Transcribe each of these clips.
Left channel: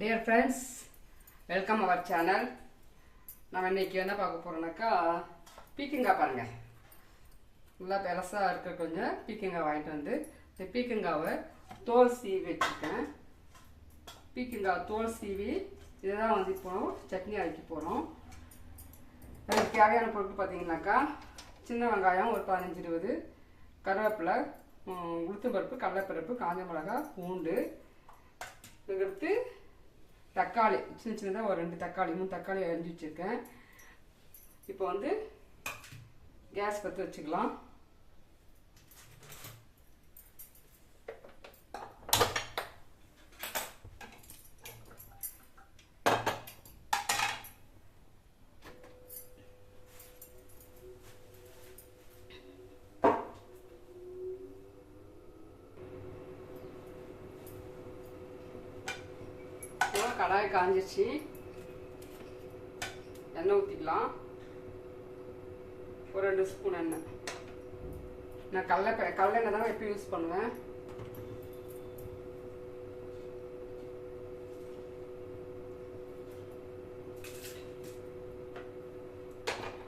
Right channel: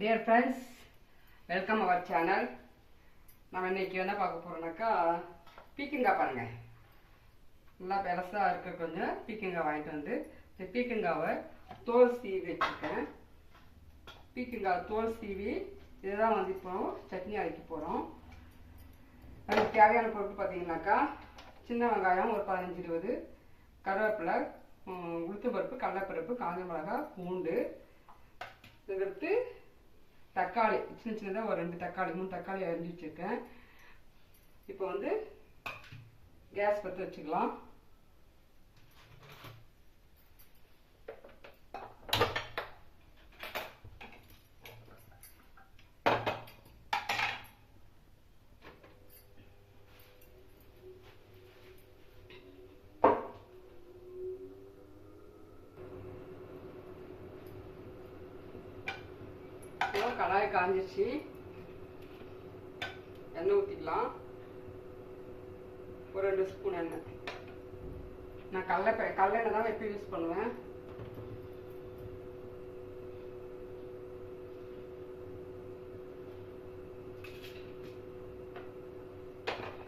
Dear friends, welcome our channel. நான் இன்னைக்கு என்ன பார்க்க போறேன்னாக்கா பீக்கங்காய் பாருங்க. நல்லா பெருசா இருக்க கொஞ்சம் பீக்கங்காய் வாங்கிட்டு வந்து இந்த பீக்கங்காவை தோல் சீவி வச்சிருக்கேன். பீக்கங்காய் தோல் சீவி இதுதான் வந்து இப்போ சட்னி அரைக்க போறோம். அதுக்கு தேவையான பொருட்கள் பார்த்தீங்கன்னாக்கா சின்ன வெங்காயம் ஒரு 15-20, கருவேப்பிலை, உளுத்தம் பருப்பு, கடலைப்பருப்பு, காஞ்ச மிளகாய், பூண்டு, இதுக்கு தக்காளி சின்ன சின்னதாக ஒரு 2 தக்காளி 3 தக்காளி அரிஞ்சு வச்சுருக்கேன். இப்போ வந்து கேஸ் பற்ற வச்சுக்கலாம். கடாய் காஞ்சிச்சு, எண்ணெய் ஊற்றிக்கலாம். ஒரு 2 ஸ்பூன் எண்ணெய். நான் கடலெண்ணெய் தான் எப்போ யூஸ் பண்ணுவேன்.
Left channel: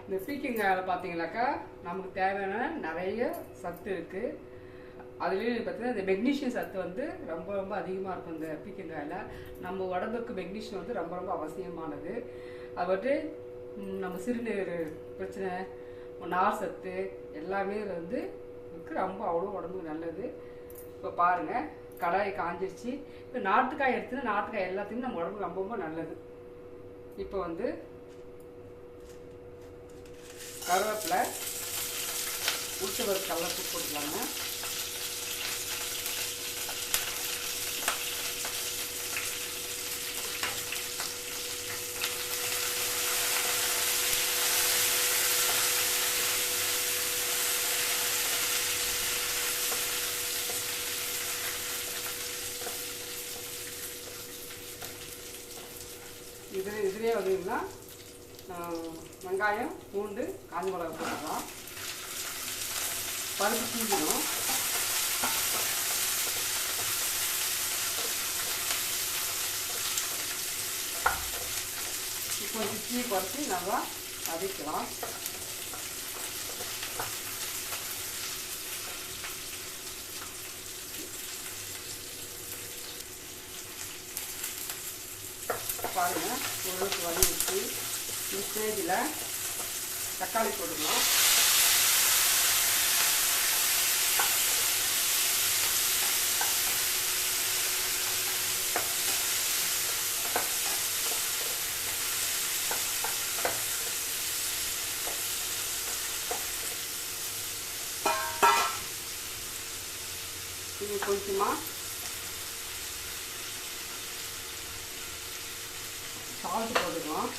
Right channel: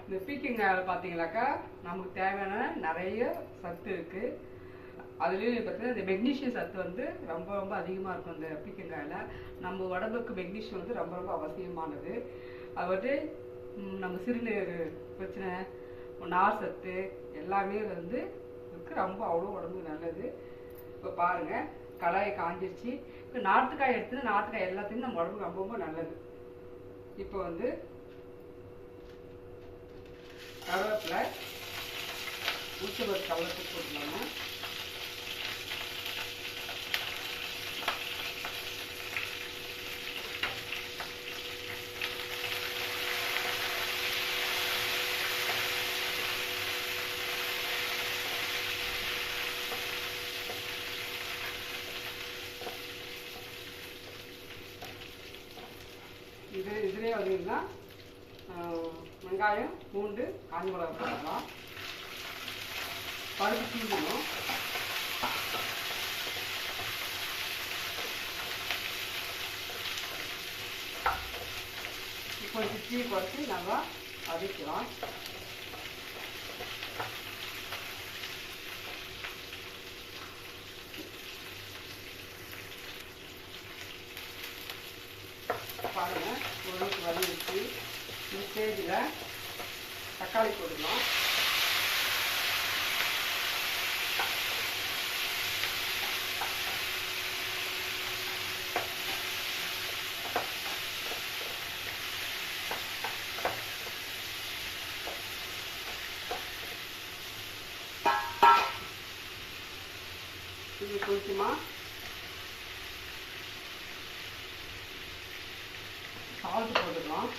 இந்த பீக்கங்காயில் பார்த்தீங்கன்னாக்கா நமக்கு தேவையான நிறைய சத்து இருக்குது. அதுலேயும் பார்த்தீங்கன்னா இந்த மெக்னீஷியம் சத்து வந்து ரொம்ப ரொம்ப அதிகமாக இருக்கும். இந்த பீக்கங்காயில் நம்ம உடம்புக்கு மெக்னீஷியம் வந்து ரொம்ப ரொம்ப அவசியமானது. அது வந்து நம்ம சிறுநீர் பிரச்சனை, நார் சத்து எல்லாமே வந்து இருக்கு. ரொம்ப அவ்வளோ உடம்புக்கு நல்லது. இப்போ பாருங்கள், கடாய் காஞ்சிருச்சு. இப்போ நாட்டுக்காய் எடுத்துன்னா நாட்டுக்காய் எல்லாத்தையுமே நம்ம உடம்புக்கு ரொம்ப ரொம்ப நல்லது. இப்போ வந்து கருவேப்பிலை, உளுத்தம் பருப்பு, கடலைப்பருப்பு போட்டுக்கலாங்க. இதுலேயே வந்தீங்கன்னா வெங்காயம், பூண்டு, காஞ்ச மிளகாய் போட்டுக்கலாம். பருப்பு சீவிடும். இப்போ தீ குறைச்சி நல்லா வதக்கலாம். பாருங்க, ஓரளவுக்கு வதங்கிடுச்சு. இந்த ஸ்டேஜில் தக்காளி போட்டுக்கலாம். இது கொஞ்சமாக சால்ட் போட்டுக்கலாம்.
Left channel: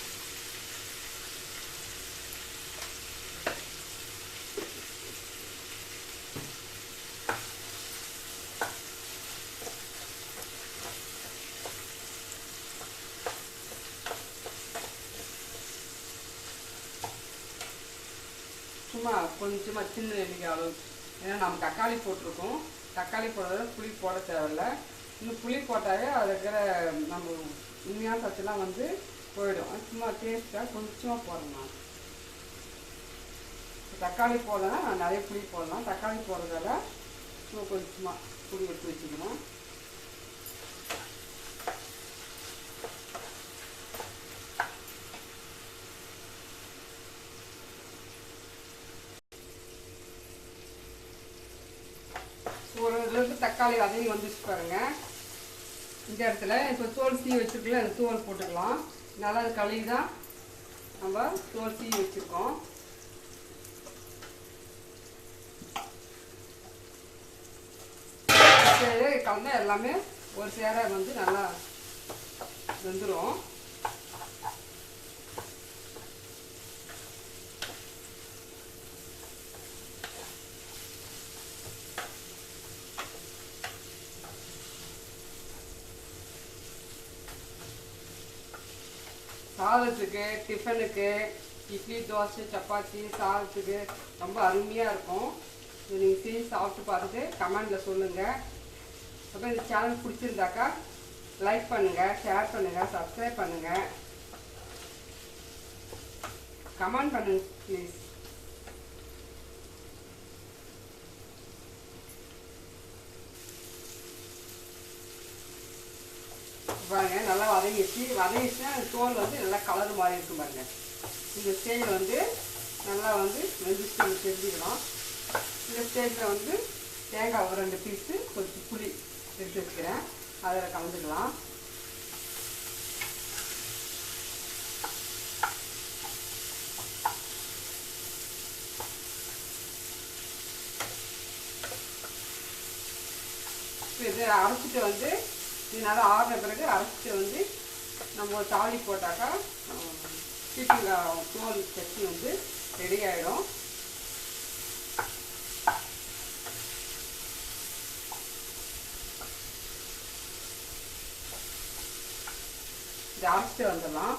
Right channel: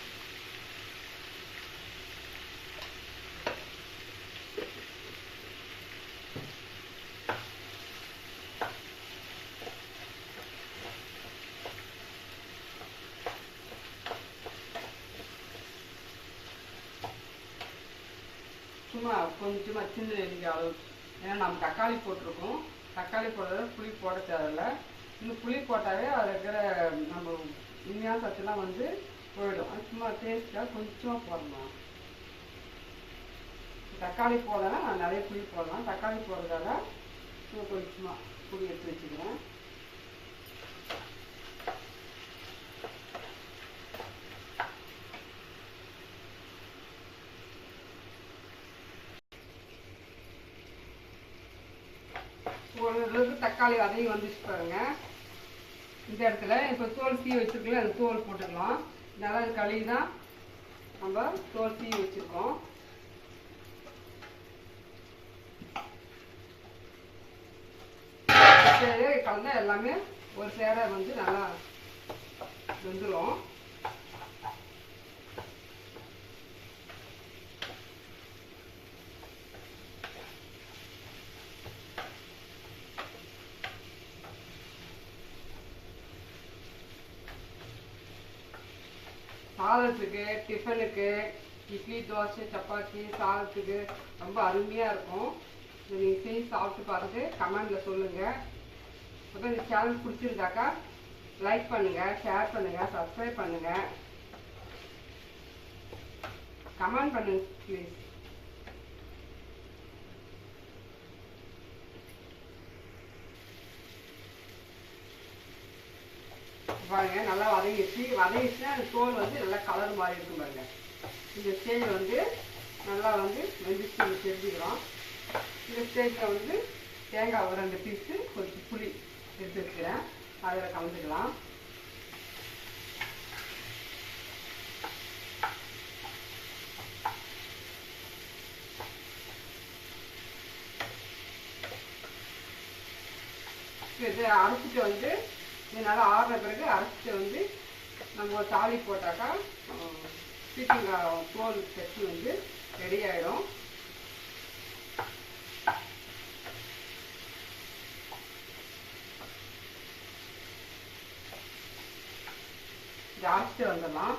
சும்மா கொஞ்சமாக சின்ன நெல்லிக்காய் அளவு. ஏன்னா நம்ம தக்காளி போட்டிருக்கோம். தக்காளி போடுறது புளி போட தேவையில்லை. இன்னும் புளி போட்டாவே அதில் இருக்கிற நம்ம உண்மையான சத்துலாம் வந்து போயிடும். அது சும்மா டேஸ்ட்டாக கொஞ்சமாக போடலாம். தக்காளி போடலைன்னா நான் நிறைய புளி போடலாம். தக்காளி போடுறதால சும்மா கொஞ்சமாக புளி எடுத்து வச்சுக்கிறேன். ஓரளவுக்கு தக்காளி அதையும் வந்துச்சு பாருங்க. இந்த இடத்துல இப்போ தோல் சீவி வச்சுருக்கல, அந்த தோல் போட்டுக்கலாம். நல்லா கழுவி தான் நம்ம தோல் சீவி வச்சுருக்கோம். கலந்தால் எல்லாமே ஒரு சேர வந்து நல்லா வெந்துடும். சாதத்துக்கு, டிஃபனுக்கு, இட்லி, தோசை, சப்பாத்தி, சாதத்துக்கு ரொம்ப அருமையாக இருக்கும். நீங்கள் செஞ்சு சாப்பிட்டு பார்த்துட்டு கமெண்டில் சொல்லுங்கள். அப்புறம் இந்த சேனல் பிடிச்சிருந்தாக்கா லைக் பண்ணுங்கள், ஷேர் பண்ணுங்கள், சப்ஸ்கிரைப் பண்ணுங்கள், கமெண்ட் பண்ணுங்க ப்ளீஸ். பாருங்க நல்லா வதங்கிச்சுன்னா தோல் வந்து நல்லா கலர் மாதிரி இருக்கும் பாருங்க. இந்த ஸ்டேஜில் வந்து நல்லா வந்து வெந்துச்சு தெரிஞ்சுக்கிறோம். இந்த ஸ்டேஜில் வந்து தேங்காய் ஒரு 2 பீஸு கொஞ்சம் புளி எடுத்து வச்சுக்கிறேன், அதில் கலந்துக்கலாம். இது அரைச்சிட்டு வந்து இது நல்லா ஆறுன பிறகு அரைச்சிட்டு வந்து நம்ம தாளி போட்டாக்கா பீக்கங்காய் தோல் சட்னி வந்து ரெடி ஆகிடும். இது அரைச்சிட்டு வந்துடலாம்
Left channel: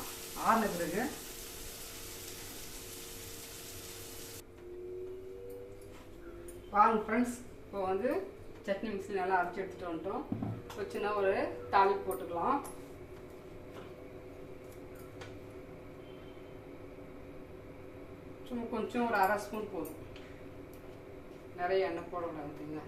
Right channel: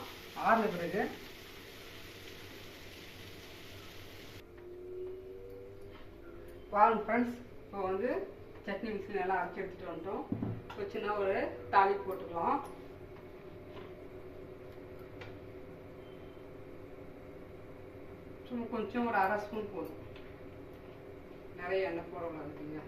ஆறுன பிறகு. பாருங்க ஃப்ரெண்ட்ஸ், இப்போ வந்து சட்னி மிக்ஸி நல்லா அரைச்சி எடுத்துகிட்டு வந்துட்டோம். வச்சுன்னா ஒரு தாளிப்பு போட்டுக்கலாம். சும்மா கொஞ்சம் ஒரு 1/2 ஸ்பூன் போதும், நிறைய எண்ணெய் போடக்கூடாதுங்க.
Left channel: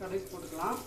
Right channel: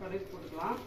கடுகு போட்டுக்கலாம்.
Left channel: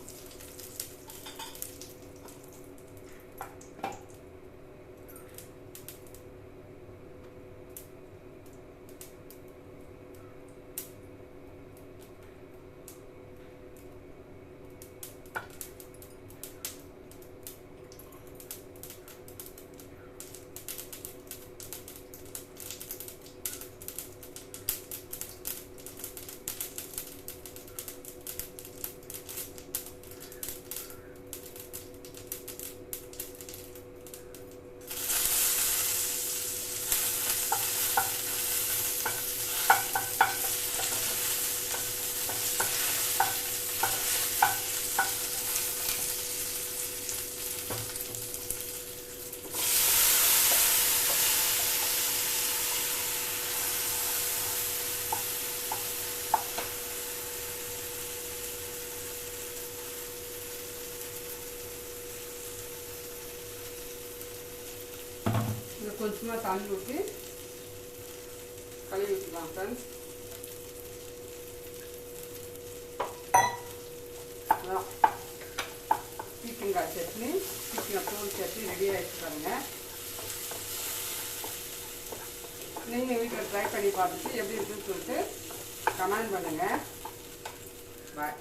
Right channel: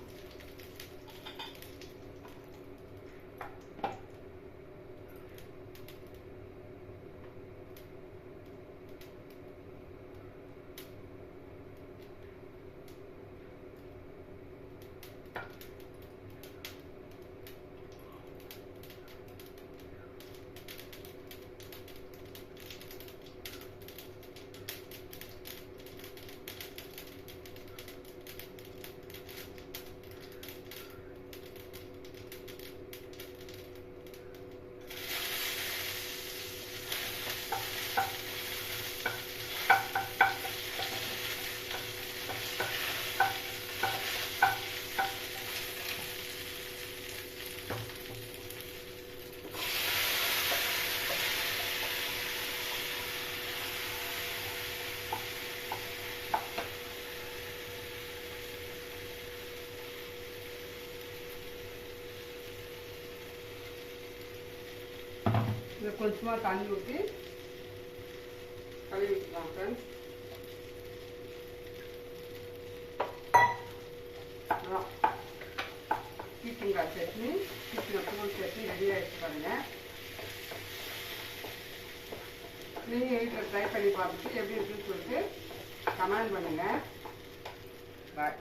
கொஞ்சமாக தண்ணி ஊற்றி கழுவி வச்சுக்கலாம் ஃப்ரெண்ட்ஸ். பீக்கங்காய் சட்னி, பீக்கங்காய் தோல் சட்னி ரெடி ஆகிடுச்சு பாருங்க. நீங்கள் வீட்டில் ட்ரை பண்ணி பார்த்துட்டு எப்படி இருக்குன்னு சொல்லிட்டு கமெண்ட் பண்ணுங்கள். பாய்.